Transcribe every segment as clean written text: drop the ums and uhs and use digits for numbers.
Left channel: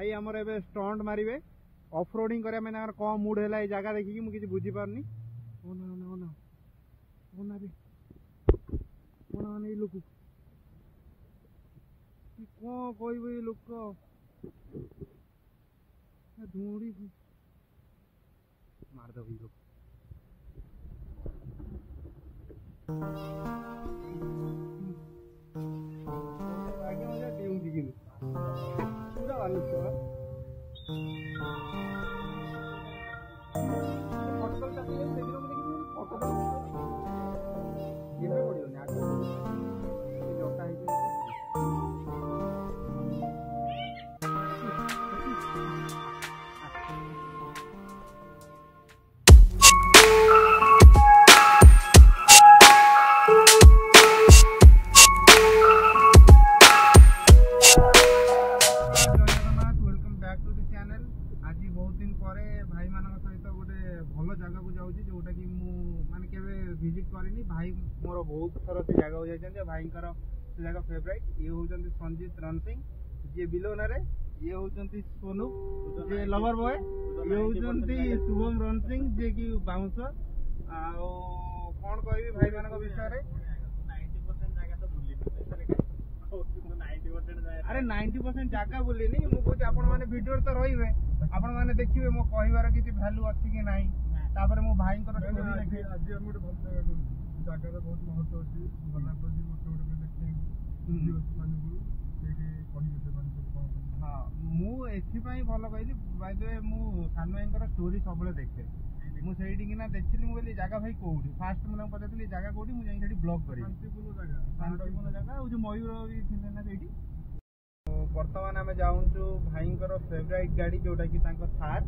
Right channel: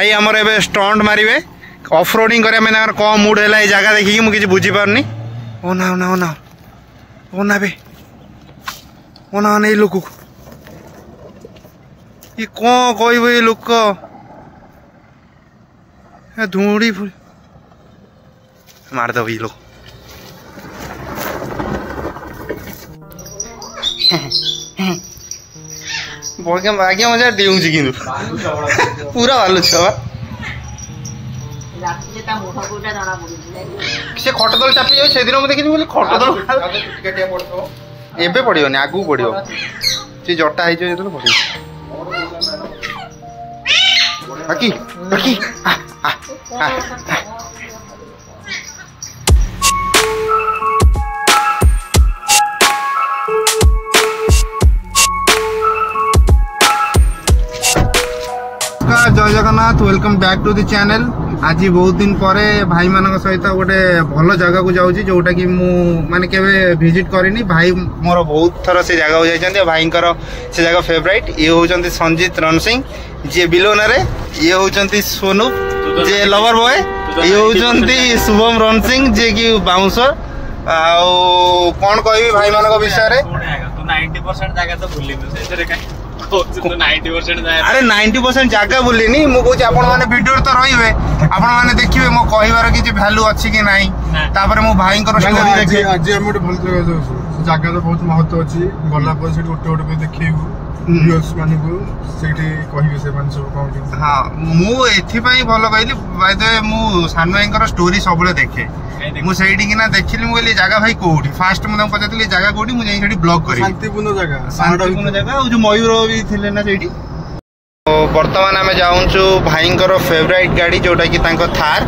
भाई आमर ए स्टंट मारे ऑफ रोडिंग करा मैंने कौन मूड है जगह देखिए मुझे बुझी पारनी ओना ओना ओना ओना बे ओना ओना ये लोक ये कौन कह ये लोक धूड़ी फुड़ी मारदेव ये लोक आज्ञा मजा डेउची कि पूरा भल छुआ से खटदल चापी जाए से दिन मुझे देखी खटदल एबे पड़ोनी आगू पड़ो से जटा हो पड़ो बाकी बाकी जय Jagannath welcome back to the channel. आज बहुत दिन पर भाई मान सहित गोटे भल जगह को जाऊँ जोटा कि माने केवे विजिट करनी भाई मोर बहुत थर से जगह जाइए भाई से जगह फेवरेट ये होती संजीत रण सिंह जी बिलोनार ये होती सोनू जे लवर बॉय ये होती शुभम रण सिंह जे कि बाउंसर कौन कह भाई मान विषय अरे 90% जगह बुलनी मुझे आपण वीडियो तो रही आपने देखिए मो कहबार किसी वैल्यू अच्छी कि नहीं तापर मो भाई स्टोरी देखिए आज हम गोटे भल जगह जगह तो बहुत महत्व अच्छी गला पर गोटे गोटे देखिए व्यूअर्स माने को सेठी कहिबे से मान सब कौन हां मु एथि पई भलो कहली बाय द वे मु सान भाई स्टोरी सबले देखे मु सेठी किना देखिली मु कहली जगह भाई कोठी फास्ट मु पचातली जगह कोठी मु जाई सेठी ब्लॉग करी शांतिपूर्ण जगह जो मयूर भी थिले ना सेठी वर्तमान आम जाऊँ भाई फेवरेट गाड़ी जोटा कि थार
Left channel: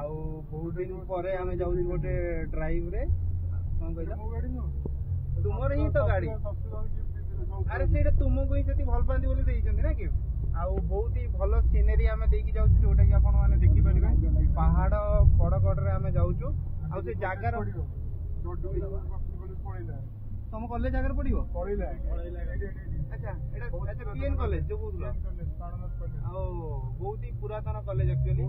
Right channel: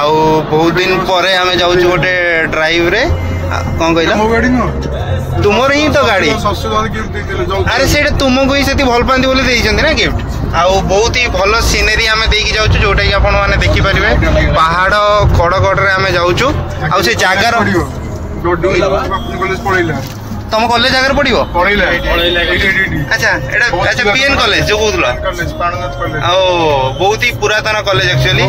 आउ बहुत दिन पर आम जाऊँ गोटे ड्राइव रे कौन कहला तुमर ही तो गाड़ी अरे से तुमको ही से भल पाती बोली देइछन्ती ना गिफ्ट आउ बहुत ही भल सीनेरी आम देकी जाऊँ जोटा कि आपण मैंने देखिपारे पहाड़ कड़ कड़े आम जाऊँ आउ से जगार तुम कॉलेज जगह पड़ो अच्छा अच्छा पीएन कॉलेज जो कहूल बहुत ही पुरातन कॉलेज एक्चुअली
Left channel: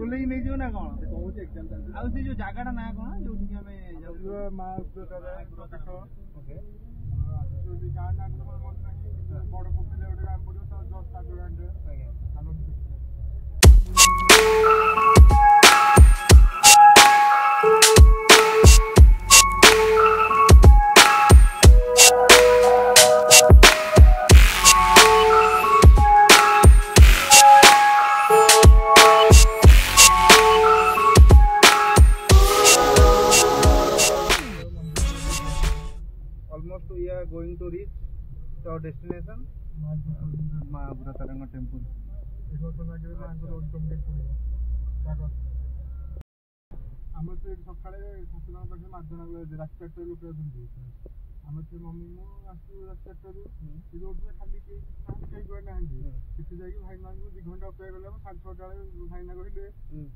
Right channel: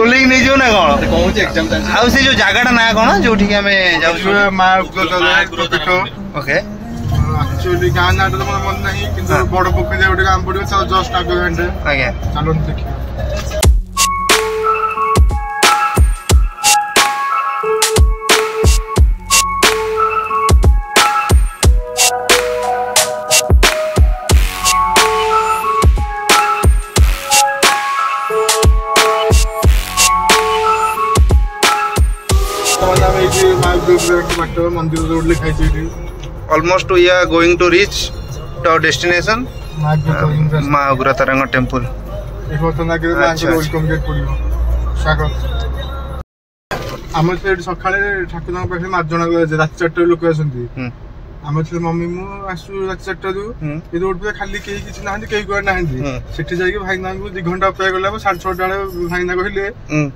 ओल्ड नहीं जाऊ ना कौन आउ से जो जगह ना कौन जो ओके एक्चुअली गाँ ना तो मन नहीं बड़ पोखरी गोटे काम पड़ो जस्ट आगे आज्ञा चलो देखिए Almost we are going to reach to our destination Ma Ugrataranga temple आम सका ठाकुर पाखे मार्जना रात 4 लोक आम मम्मी मु आसु रात 4 रोड पे खाली कहीं किसी ना कहीं कुआ ना सेठी जाइए भाईना को 2 घंटा अपेक्षा कला 6:30 बेले भाईना कहले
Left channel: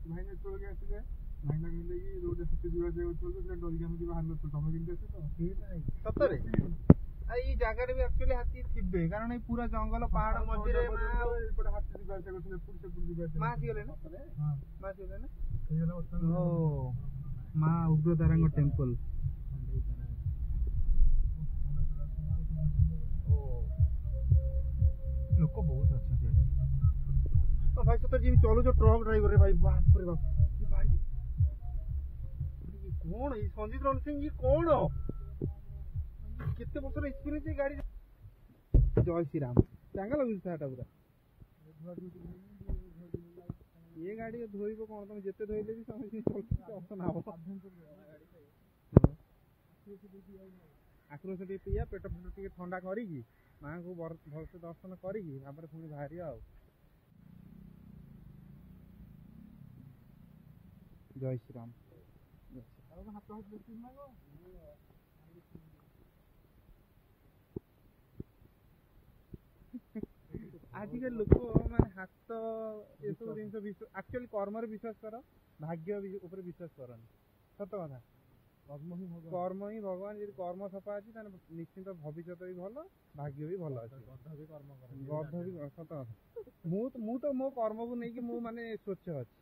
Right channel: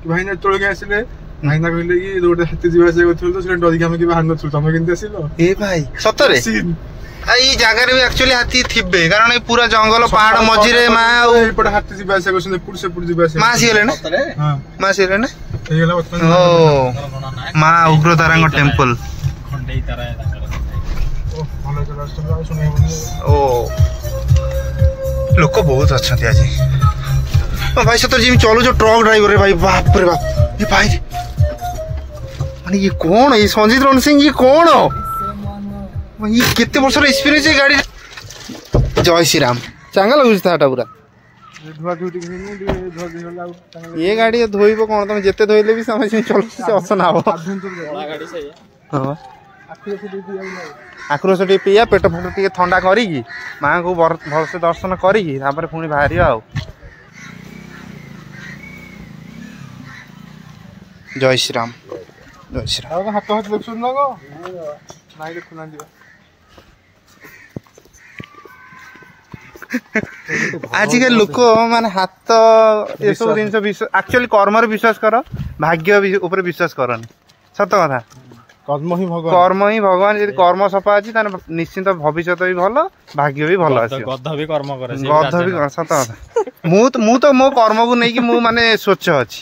भाईना तोड़ के आसिले भाईना कहले कि रोड हाथी जीवा से गथुल तो से डरी हम कि बाहर नथु तमे केनते आसिलो ए भाई सतरे ई जगह रे एक्चुअली हाथी थिबे कारण ए पूरा जंगल पहाड़ मझी रे मा एपट हाथी जीवा से गसन पुर से पुर जीवा से मा सिले ना हां मा सिले ना ए गेला बतन ओ मा उग्रतारांग टेंपल खंडे तारा ओ भलो चला सुन सुने ओ लोक बहुत अच्छा आज भाई सतर जी चलो जो ट्रक ड्राइवर रे भाई बाप रे बाप ये भाई माने ये कौन है संजीत रण सिंह ये कौन ये केते वर्ष एक्सपीरियंस है गाड़ी जय श्री राम चांगा लगुच थाटा पूरा ये गाड़ी धोइबो कोन तुम जेते धोइले भी समझ में चलो से असना हो गाड़ी सही हां आक्रोश टी पिया पेट फट टी ठंडा करी मां को भल से दर्शन करी तापर पुणी बाहरी आ जय श्री राम जय श्री राम हाथ हाथ देख सुन लगो नहीं देखु ना दिवा आजिकल लोक माने हाथ ये सब जिन एक्चुअली कर्म विश्वास कर भाग्य ऊपर विश्वास करनी सत कथा कर्म ही भगवान यदि कर्म सफा अच्छी निश्चिंत भविष्य भी भल भाग्य भी भल गध भी कर्म करे सत कथा मु तो मो कर्म को नहीं मु माने स्वच्छ अच्छी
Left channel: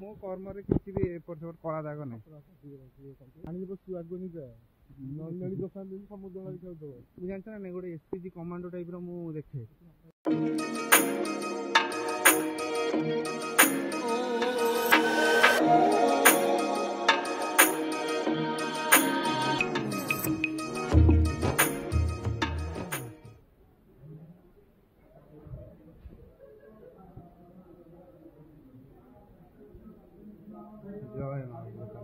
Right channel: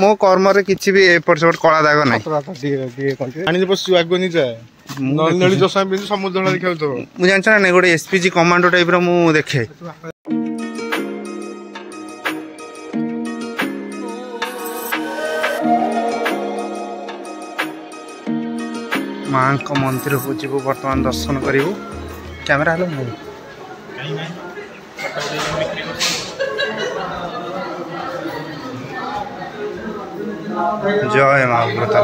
मो कर्म रे किछि भी एपट सेपट कला दाग नहीं समुद्र देखा मुझे जानछ ना गोटे एसपीजी कमांडो टाइप रो मु देखे माँ को मंदिर को जीव बर्तमान दर्शन करूँ कैमेरा हेलो जय माँ व्रता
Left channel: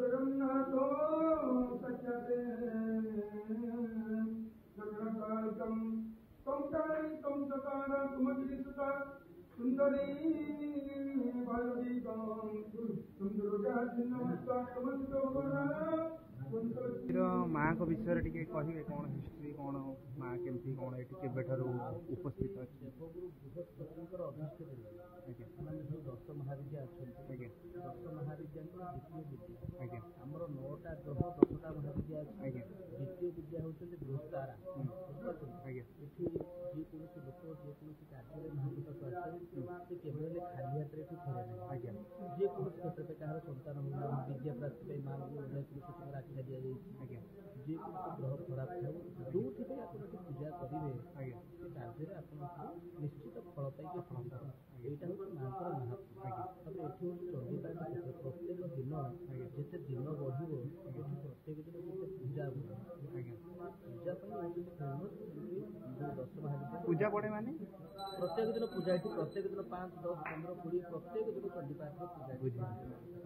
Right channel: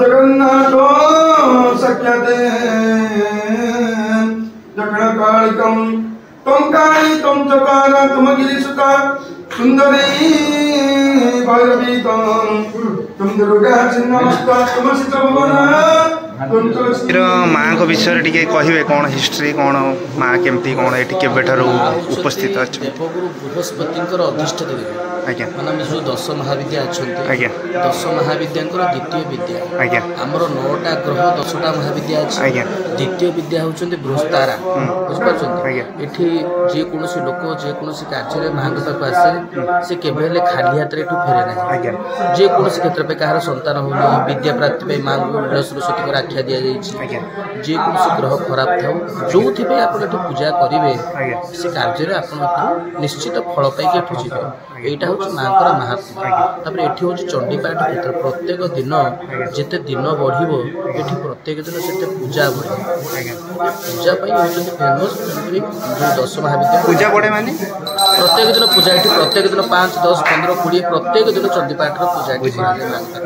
जगन्नाथ सख्यते दक्षिण कालिकम तुम काली तुम चकार तुम गिरिसुता सुंदरी भैरवी तुम दुर्गा चिन्नमस्ता तुम शिव माँ को विषय टी कहे कौन हिस्ट्री कौन माँ केमती कौन ये उपस्थित अच्छा देवगुरु बृहस्पति अधिष्ठाता आज्ञा माने जो 10 महाविद्या अच्छा 10 महाविद्या द्वितीय विद्या आज्ञा आमर 9टा ग्रह 10टा महाविद्या अच्छा द्वितीय विद्या होचंदी बृहस्तारा बुझ एठी जे कोनोसी लोक जे कोनोसी कार्य माँ पाक आसे से केबे खाली हाथ एठू फेरे ना जे कोनोसी क्षेत्र पे कहार संतान होनी विद्या प्राप्ति पे माँ को सरस्वती को आख्या दिया जाइए जे कोनोसी ग्रह खराब थाउ जो थी पे आपण एठू पूजा करिवे से कार्य रे आपण निश्चित फल पाई के एठू जिवे एटा होची मांकर महात्मा तापर एठी होची चंडीपाठ क्षेत्र प्रत्येक दिन जेते दिन बढ़िबो एठी प्रत्येक दिन सेते पूजा बढ़े पूजा पई होची फेमस जो 10 महाविद्या पूजा पड़े माने प्रत्येक दिन पूजा एठी प्रत्येक दिन 5 10 15 20 प्रत्येक दिन चंडीपाठ रो पूजा एठी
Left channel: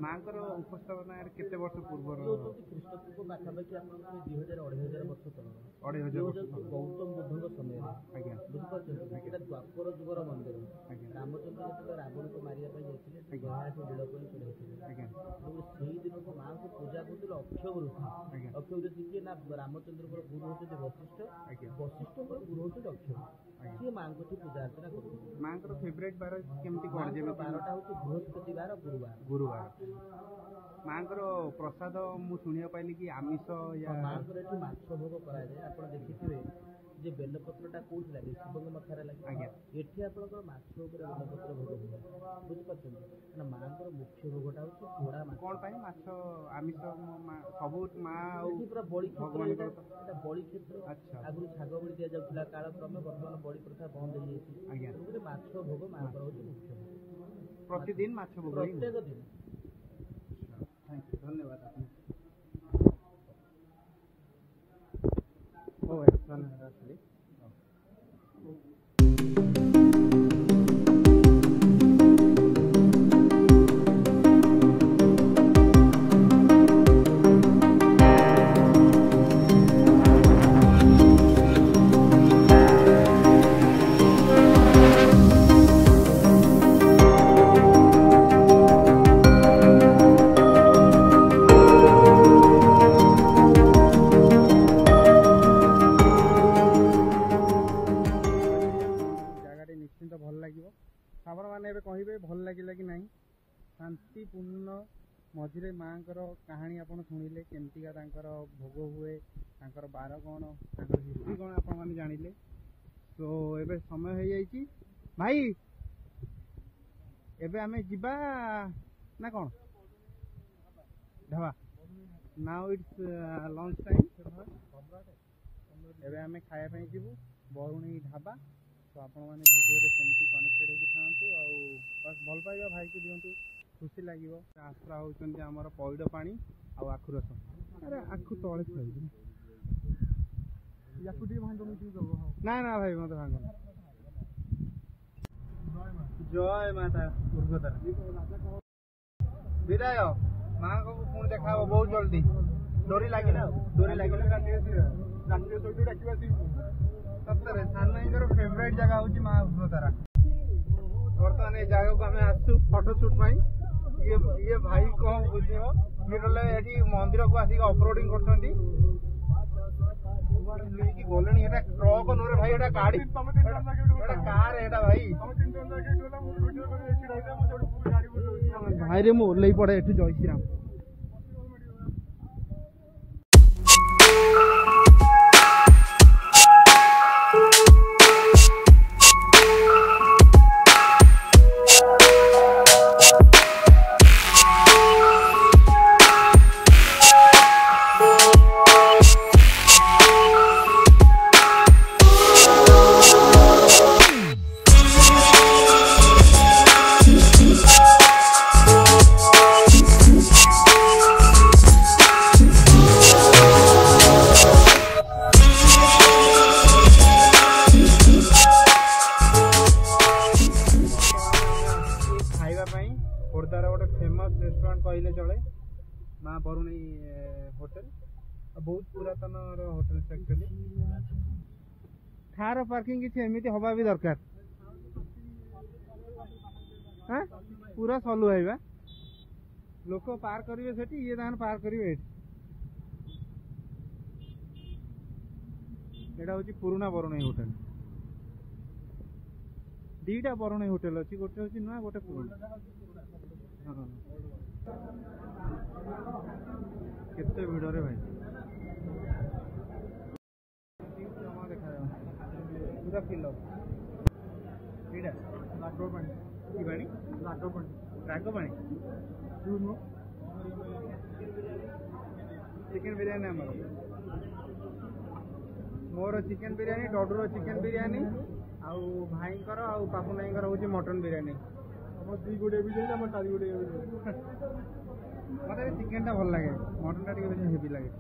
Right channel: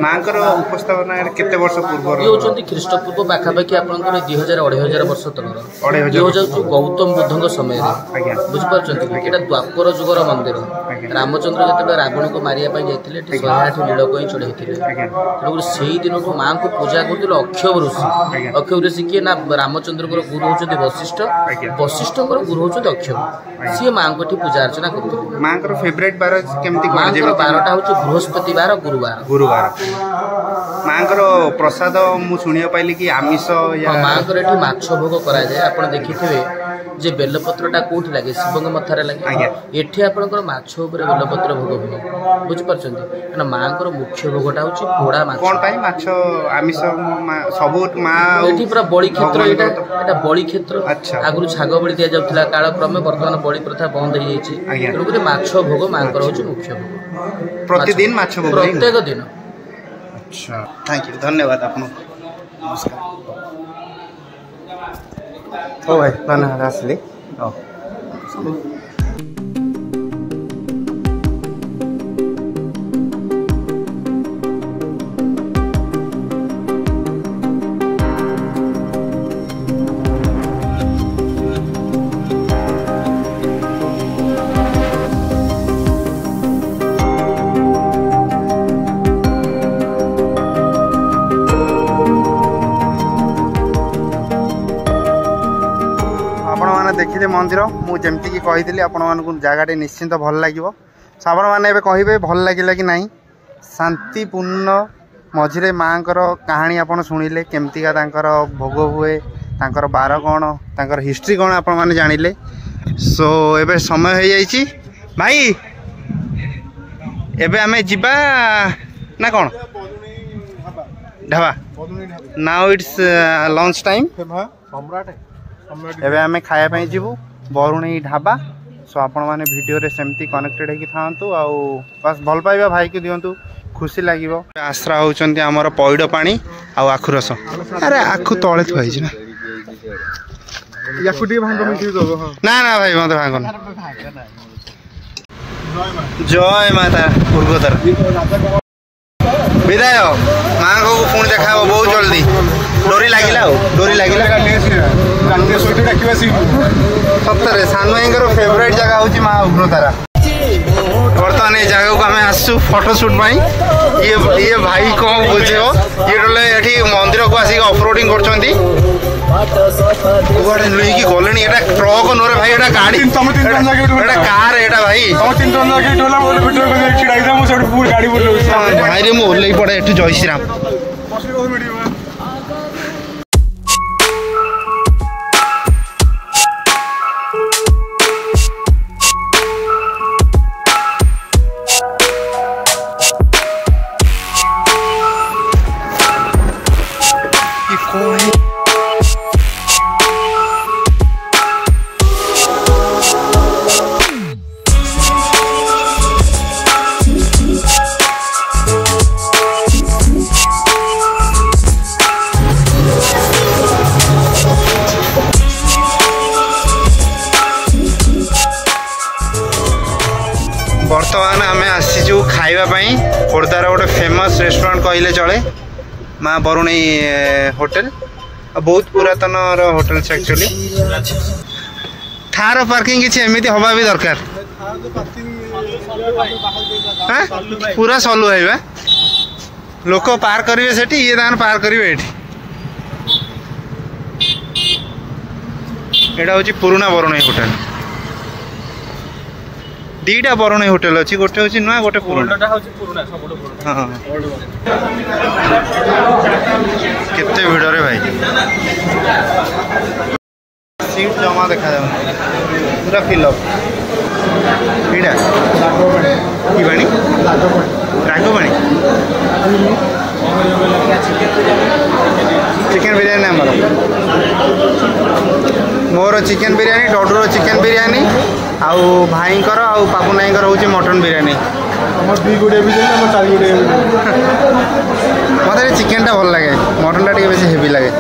मांकर उपस्थापना केते वर्ष पूर्व ये होचंती ख्रीष्ट पूर्व पाखापाखि आपनकर 2000 2500 वर्ष तलर ये हो जाउची गौतम बुद्धଙ୍କ समय रे बुझ परचंती एटा द्वापर जुगर मंदिर रामचंद्र जब रावण को मारिया जाते 108 नीलक ही चढ़ाई तेणुकर से दिन माँ को पूजा करते अक्षय ऋषि अक्षय ऋषि किए ना रामचंद्र गुरु होती वशिष्ठ वशिष्ठ गुरु होती अक्षय सी माँ को पूजा अर्चना करते माँ फेवरेट बार केमती बारटा हूँ बृहस्पति बार गुरुवार माँ प्रसाद मुझे शुणा पाइली कि आमिष माँ को माछ भोग कराए आप देखिथे जे बेलपत्रटा कोठी लागे शिवंग मथारे लागे एठी आपनकर माछ ऊपर बेलपत्र भोग हो बुझ परछंती ना मांकर मुख्य भोगटा होची पोड़ा माछ कोन पाई माछ आमिष सबु मा एठी पूरा बळी क्षेत्र एटा बळी क्षेत्र आगुरु छाग बळी दिया जाउतला काल क्रमे वर्तमान बळी प्रथा बंद हो जाईची तेणुकर माछ भोग मांकर होची मुख्य भोग प्रतिदिन माछ भोग प्रत्येक दिन अच्छा थैंक यू धन्यवाद आपन नमस्कार ओ भाई धन्यवाद आसली देखिए मंदिर मुझे कही आपण मानक जगह निश्चिंत भल लगे आपण मैंने कहे भल लगे कि नहीं शांतिपूर्ण मझे माँ कहानी आपड़ शुणिले केमतीका भोग हुए तांकर बार कौन तांकर हिस्ट्री कौन आपण मैंने जानिले सो एबे समय हो जाइए भाई एबे आमे जिबा ना कौन dhaba now it's lunch time एबे आमे खाया जीवु बरुणी ढाबा सो आपण मैंने वीडियो रे सेमती कनेक्टेड होगी था बस भल पाइबा भाई को दिंतु खुशी लगे आश्रा होचंती हमर पैड़ पानी आ आखु रस अरे आखु तले थुआई ना ना ना भाई मत भांगन जय माता पूर्वतर विदाय माँ को पुणी देखा बहुत जल्दी डोरी लगिला डोरी लगिला ଦେଖିବା ସତରେ ସାନ ଭାଇଙ୍କର ଫେଭରାଇଟ୍ ଜାଗା ହେଉଛି ମା ଉଗ୍ରତାରା। ବର୍ତ୍ତମାନ ଏ ଜାଗାକୁ ଆମେ ଆସିଛୁ ଫଟୋସୁଟ୍ ପାଇଁ। ଇଏ ଭାଇ କ'ଣ ବୁଝେଇବ, ଇଏ ଟୋଟାଲି ଏଠି ମନ୍ଦିରକୁ ଆସିକି ଅଫରୋଡ଼ିଂ କରୁଛନ୍ତି। କୁଆଡ଼େ ଲୁଇକି ଗଲେଣି। ଏଇଟା ଟ୍ରକ୍ ନୁହେଁ ଭାଇ, ଏଇଟା ଗାଡ଼ି, ଏଇଟା କାର୍, ଏଇଟା ଭାଇ। ଭାଇରେ ମୁଁ ଓହ୍ଲେଇ ପଡ଼େ ଏଠୁ। ଜୟ ଶ୍ରୀରାମ। बर्तमान आम आसीचु खाइबापी खोर्धार गोटे फेमस रेस्टोरेंट कहले चले, माँ बरुणी होटल। बहुत पुरातन होटल एक्चुअली। थार पार्किंग किसी एमती हवा भी दरकार। हाँ पूरा सलु है लोक पार करेंगे से ये दान पार करेंगे ये हूँ पुराना बरुणी होटल। दीटा बरुणी होटल अच्छी, गोटे हूँ नुआ गोटे पुराना। हाँ केते भिड़ रे भाई। सीट जमा देखा पूरा फिलअप। एटा कि पानी रागपाणी चिकेन बिरयानी आमर मोर चिकेन बिरयानी, डडूर चिकेन बिरयानी, आउ भाईंकर आउ पापू नाईंकर हूँ मटन बिरयानी। मत चिकेन टा भल लगे, मटन टा बेस हेवी लगे।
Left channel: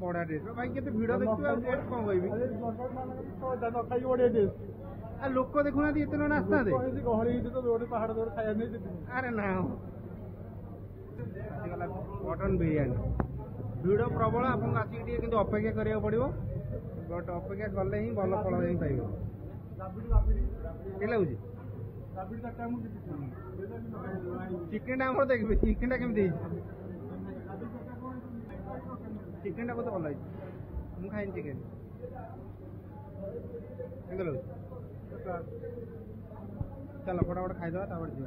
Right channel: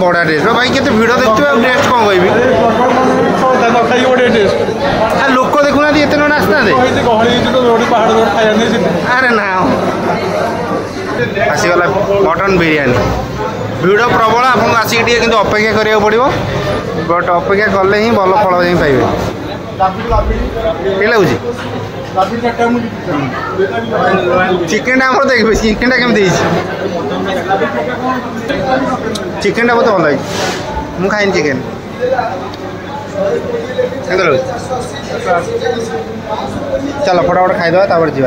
बड़ा टेस्ट भाई। केते भिड़ देखु टेस्ट कौन कह लोक देखुना ये आसना। अरे ना आसीगला मटन बिरयानी। भिड़ प्रबल। आपको आसिक किंतु अपेक्षा करा पड़ो, बट अपेक्षा कले ही भल फल पाइबे। लगुच चिकेन आम देखिए चिकेन केमती चिकेन बहुत भल लगे। मुझे खाई चिकेन चलो फटाफट खाईदे तापर जी।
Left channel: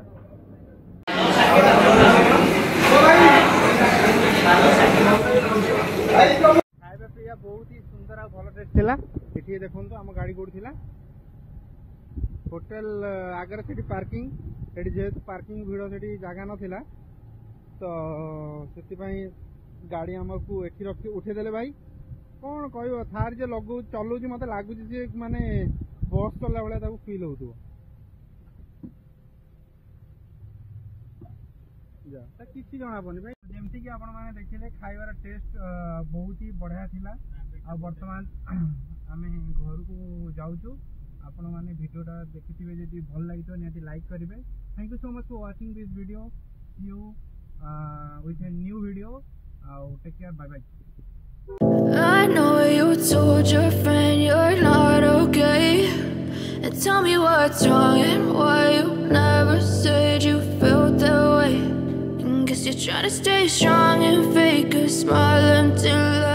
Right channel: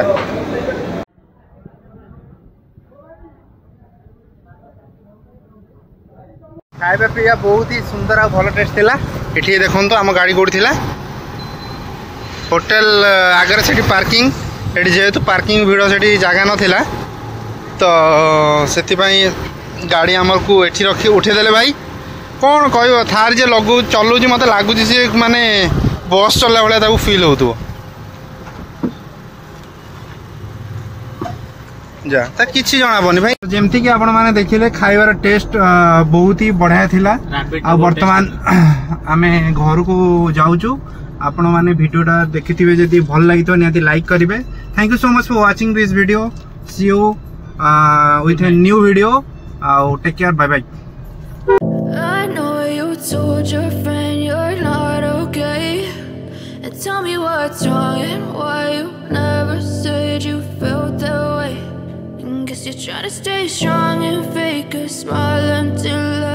खाଇବା पिया बहुत ही सुंदर आ भल टेस्ट थिला। एठी देखंतु आम गाड़ी कोठी थिला होटल आगे से पार्किंग। एठी जेहेतु पार्किंग भिड़ से जगह नथिला तो सेति पई गाड़ी आमर को एठी रखी उठेदेले। भाई कौन कहब थार जे लगू चलूँ मत लगुच सी माने बस चलला भाया फिल हो जा किसी जना पड़नी भाई। जमती कि आपण मैंने देखिले खाइबार टेस्ट बहुत ही बढ़िया थिला। आ वर्तमान आमे घर को जाऊचु। आपण मैंने वीडियोटा देखिथिबे जदी भल लागि तो निहाती लाइक करिवे। Thank you so much for watching this video. See you with a new video. Take care. Bye bye. I know you told your friend you're not okay, and tell me what's wrong and why you never said you felt that way. Guess you're trying to stay strong and fake a smile until I